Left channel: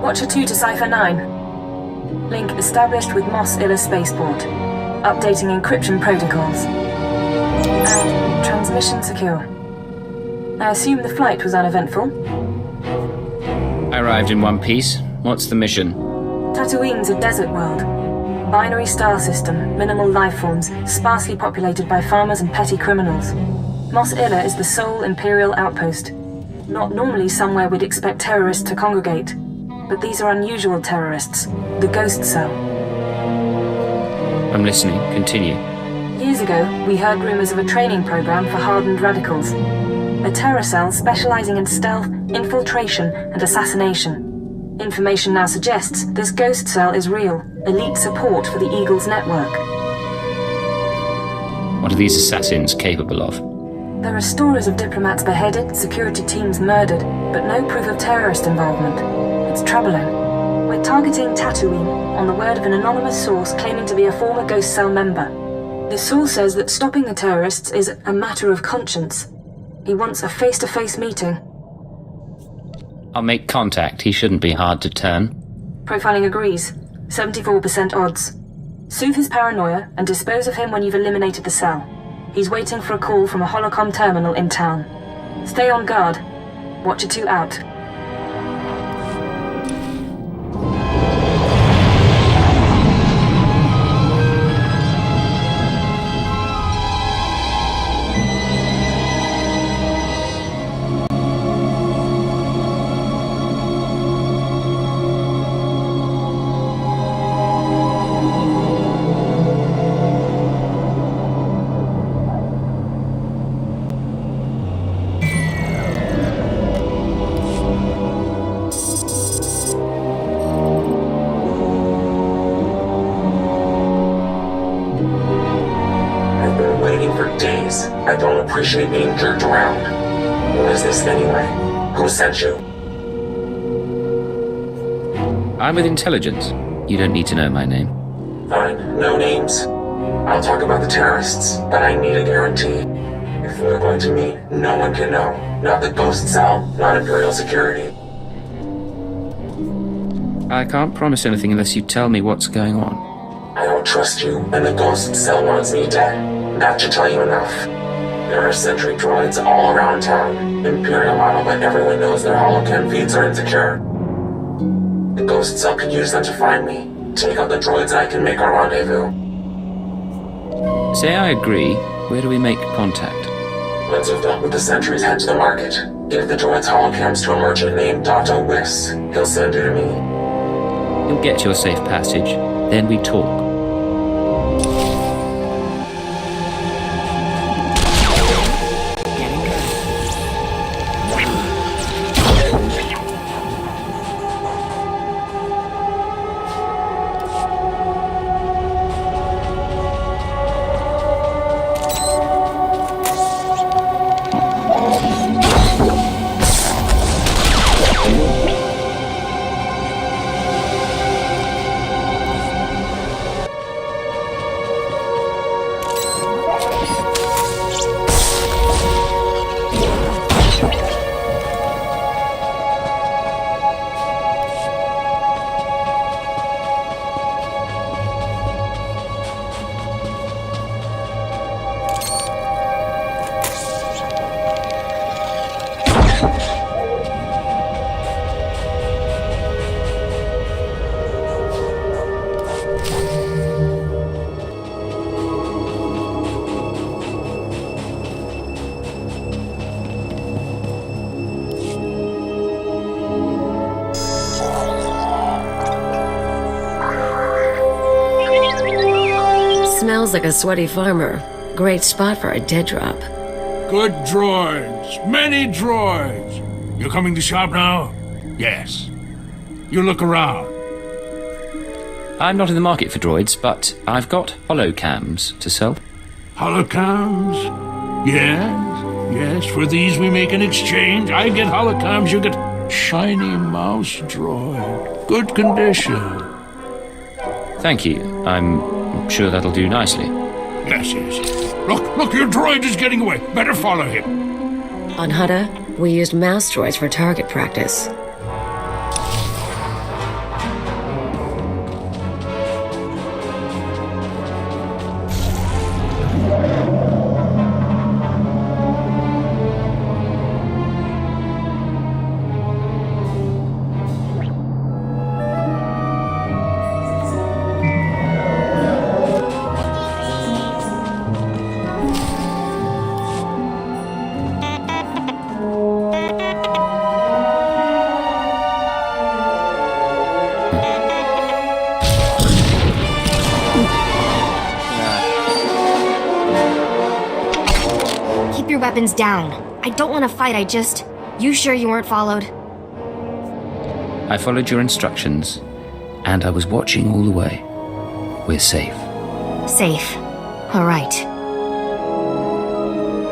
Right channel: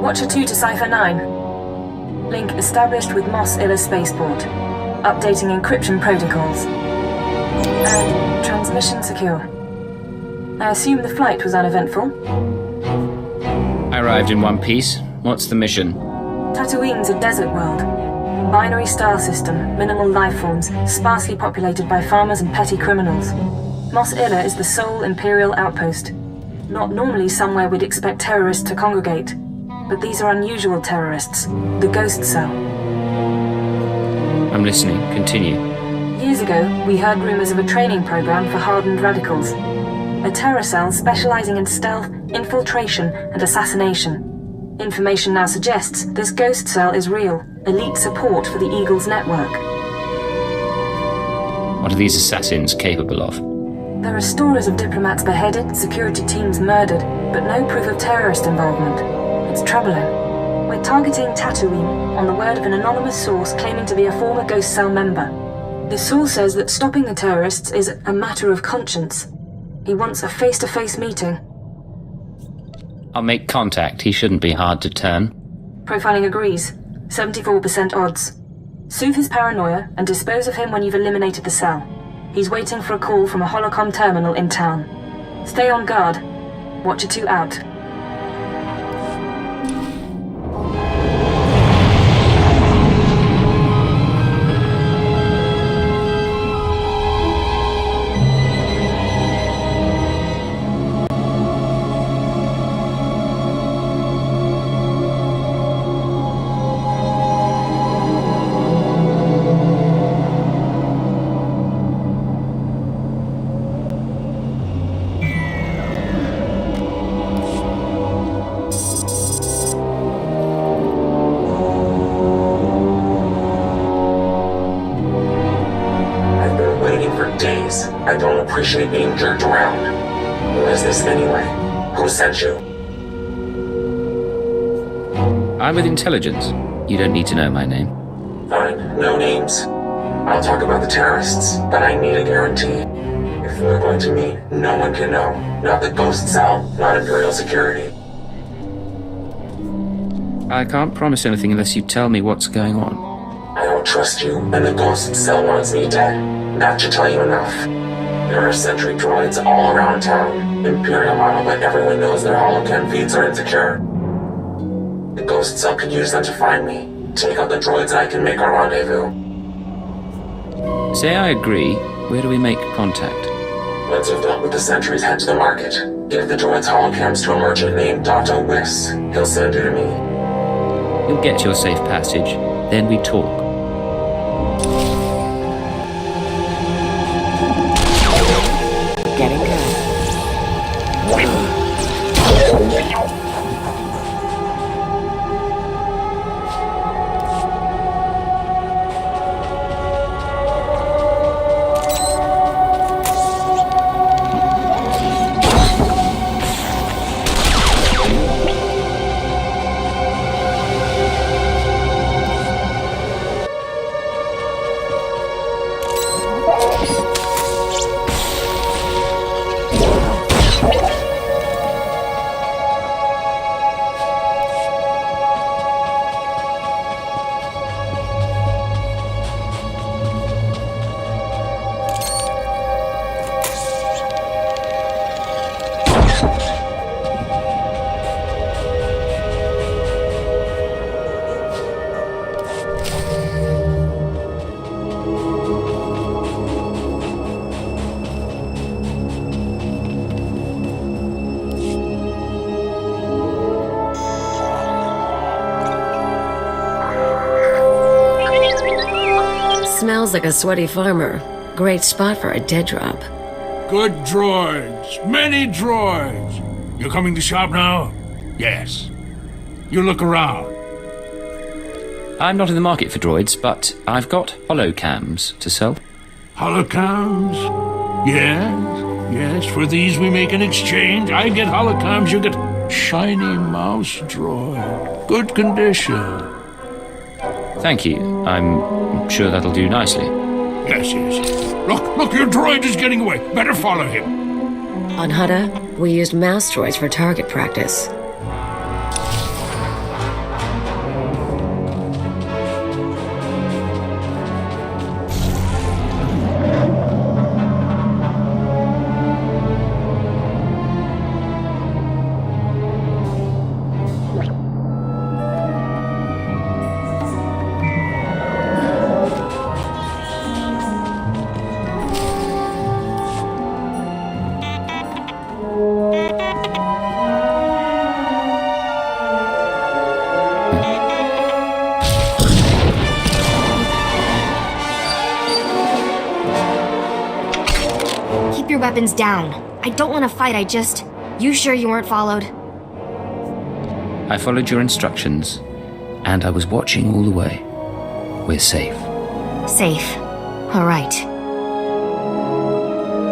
Watcher 2 to Cipher 9. Link established with Mos Illa Spaceport. Updating encryption protocols. And transmission secure. I assume the flight was uneventful? I arrived in one piece. What's the mission? Tatooine's a desert world. Binary star system, minimal life forms, sparsely populated by farmers and petty criminals. Mos Illa is the sole Imperial outpost. Not normally somewhere we'd expect terrorists to congregate. But these are unusual terrorists. The Ghost Cell. I'm listening. Continue. Years ago, we heard rumors of a training program for hardened radicals. A terror cell specializing in stealth, infiltration, and assassination. Information now suggests this Ghost Cell is real, elite support for the Eagles network. What are these assassins capable of? There are stories of diplomats beheaded, security teams murdered, but no proof of terrorist involvement. It's troubling. We're targeting Tatooine on the word of an anonymous source claiming to be a former Ghost Cell member. The source says that stopping the terrorists is a matter of conscience. He wants a face-to-face meeting. I'll make contact. He shouldn't be hard to turn. Profiling agrees. 74% odds. Soothe his paranoia and dispose of him when you've eliminated the cell. He's waiting for a call from a holocom terminal in town. Stay on guard. Watcher 2 out. I've been waiting for days. I don't appreciate being jerked around. Who is this anyway? Who sent you? I'm with intelligence. You don't need to know my name. Fine, no names. I'll talk about the terrorists, but I need a guarantee. If we're going to meet, no one can know. Not the Ghost Cell, not Imperial security. I can't promise anything unless you tell me what's going on. I don't trust you, and the Ghost Cell wants me dead. That should tell you enough. There are sentry droids all around town. Imperial model, but everyone knows their holocam feeds are insecure. The Ghost Cell could use them to find me. Take out the droids and I can make our rendezvous. Say I agree. Where do we make contact? Once you've dealt with the sentries, head to the market. Give the droids holocams to a merchant named Dr. Wiss. He'll send you to me. You'll get your safe passage. Then we talk. Getting good. Smells like a sweaty farmer. Great spot for a dead drop. Good droids. Many droids. You coming to shop now? Yes. You look around. I'm not in the market for droids, but I've got holocams to sell. Holocams? Yes. Yes, for these we make an exchange. I get holocams, you get shiny mouse droid. Good condition. Thank you. I'm sure that'll do nicely. Yes. Look, your droid is getting away. Better follow him. On Hutta, we used mouse droids for target practice. weapons down. I don't want to fight, You sure you weren't followed? I followed your instructions, and I was watching all the way. We're safe. Safe. All right.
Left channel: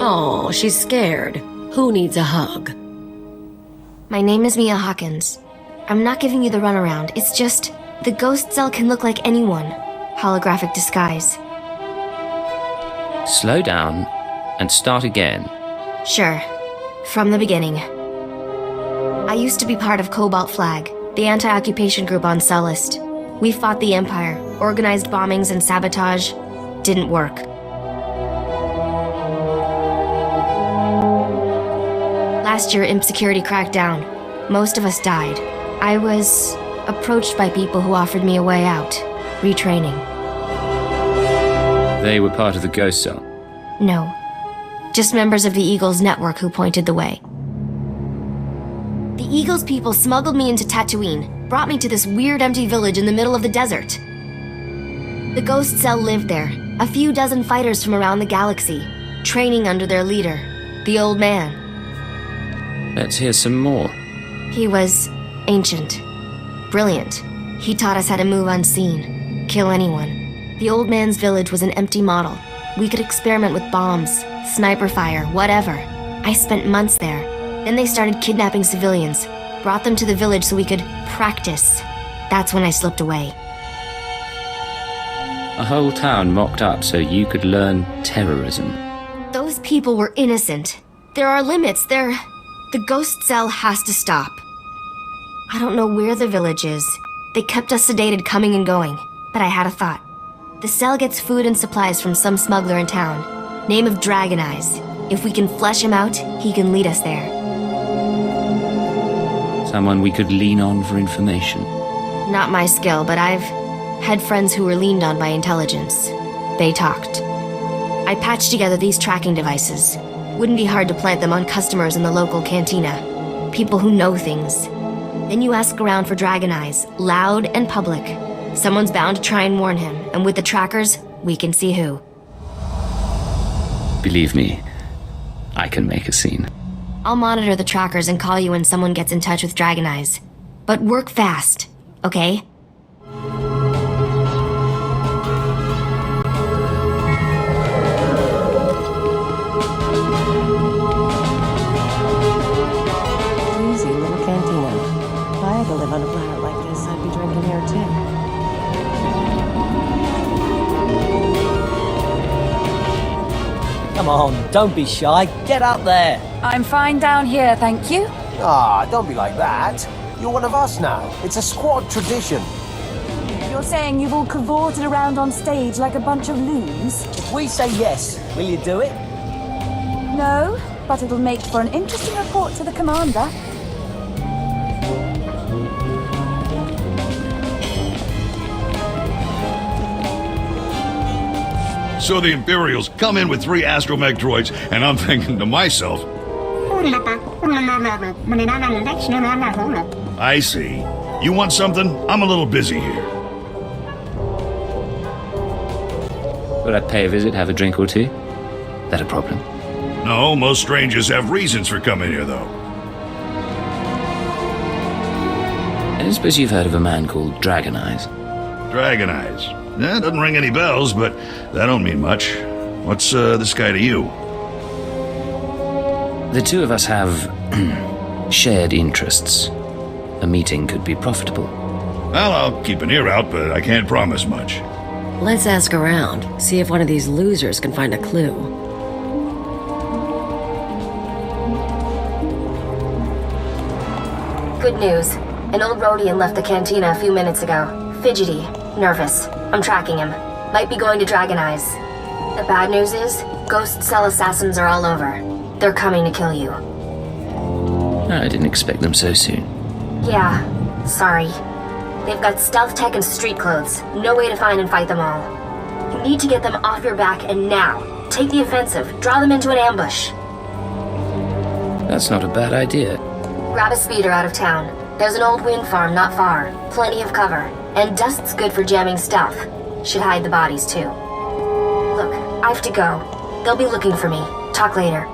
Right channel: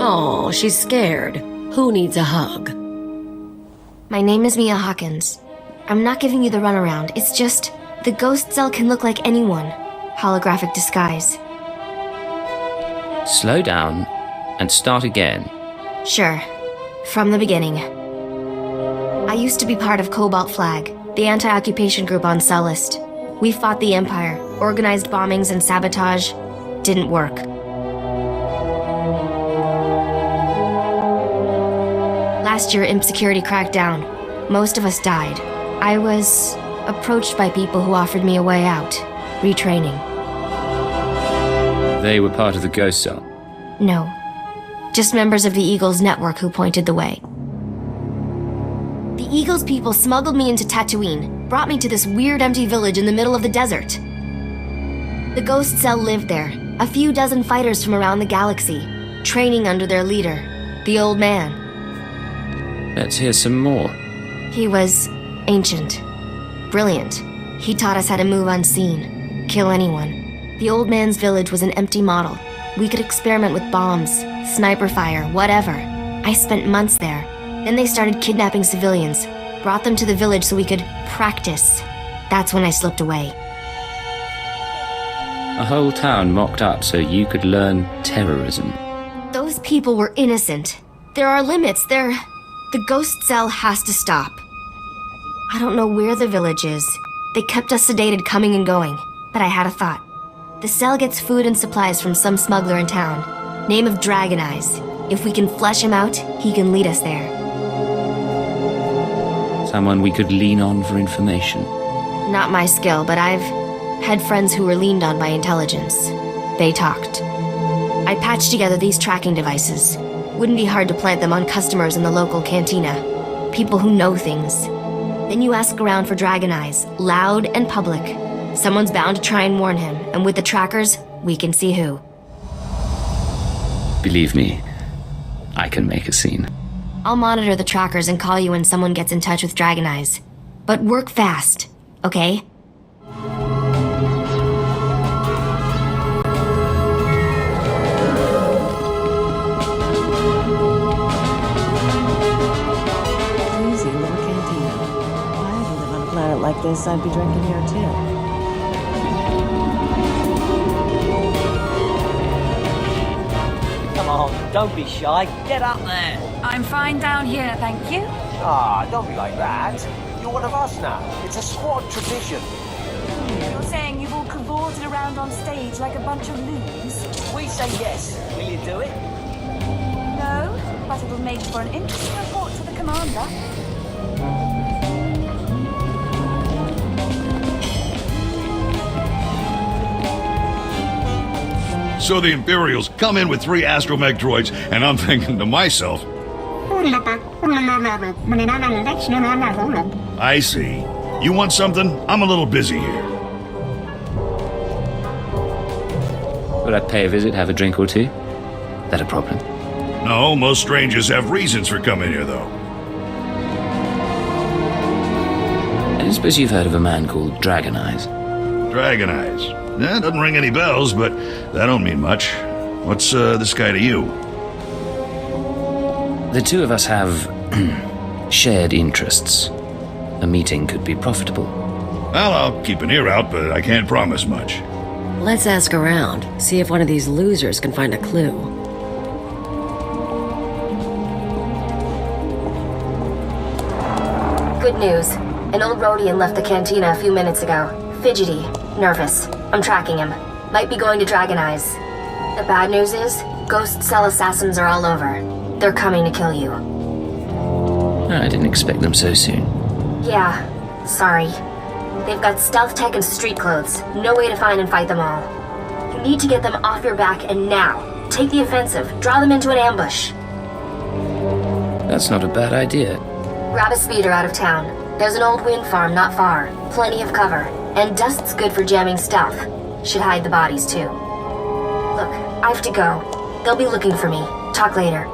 Oh, she's scared. Who needs a hug? My name is Mia Hawkins. I'm not giving you the runaround. It's just, the ghost cell can look like anyone. Holographic disguise. Slow down and start again. Sure. From the beginning. I used to be part of Cobalt Flag, the anti-occupation group on Sullust. We fought the Empire, organized bombings and sabotage. Didn't work. Last year, Imp Security cracked down. Most of us died. I was approached by people who offered me a way out. Retraining. They were part of the ghost cell. No. Just members of the Eagles network who pointed the way. The Eagles people smuggled me into Tatooine, brought me to this weird empty village in the middle of the desert. The ghost cell lived there, a few dozen fighters from around the galaxy, training under their leader, the old man. Let's hear some more. He was ancient. Brilliant. He taught us how to move unseen, kill anyone. The old man's village was an empty model. We could experiment with bombs, sniper fire, whatever. I spent months there. Then they started kidnapping civilians, brought them to the village so we could practice. That's when I slipped away. A whole town mocked up so you could learn terrorism. Those people were innocent. There are limits. The ghost cell has to stop. I don't know where the village is. They kept us sedated coming and going, but I had a thought. The cell gets food and supplies from some smuggler in town. Name of Dragon Eyes. If we can flesh him out, he can lead us there. Someone we could lean on for information. Not my skill, but I've had friends who were leaned on by intelligence. They talked. I patched together these tracking devices. Wouldn't be hard to plant them on customers in the local cantina. People who know things. Then you ask around for Dragon Eyes, loud and public. Someone's bound to try and warn him, and with the trackers, we can see who. Believe me, I can make a scene. I'll monitor the trackers and call you when someone gets in touch with Dragon Eyes. But work fast, okay? Easy little cantina. If I had to live on a planet like this, I'd be drinking here too. Don't be shy. Get up there. I'm fine down here, thank you. Ah, don't be like that. You're one of us now. It's a squad tradition. You're saying you've all cavorted around on stage like a bunch of loons? We say yes. Will you do it? No, but it'll make for an interesting report to the commander. So the Imperials come in with 3 astromech droids, and I'm thinking to myself, I see. You want something? I'm a little busy here. Will I pay a visit, have a drink or two? That a problem? No, most strangers have reasons for coming here, though. I don't suppose you've heard of a man called Dragon Eyes. Dragon Eyes. Doesn't ring any bells, but that don't mean much. What's this guy to you? The two of us have shared interests. A meeting could be profitable. Well, I'll keep an ear out, but I can't promise much. Let's ask around, see if one of these losers can find a clue. Good news. An old Rhodian left the cantina a few minutes ago. Fidgety. Nervous. I'm tracking him. Might be going to Dragon Eyes. The bad news is, ghost cell assassins are all over. They're coming to kill you. I didn't expect them so soon. Yeah, sorry. They've got stealth tech and street clothes. No way to find and fight them all. You need to get them off your back and now. Take the offensive. Draw them into an ambush. That's not a bad idea. Grab a speeder out of town. There's an old wind farm not far. Plenty of cover. And dust's good for jamming stealth. Should hide the bodies, too. Look, I have to go. They'll be looking for me. Talk later.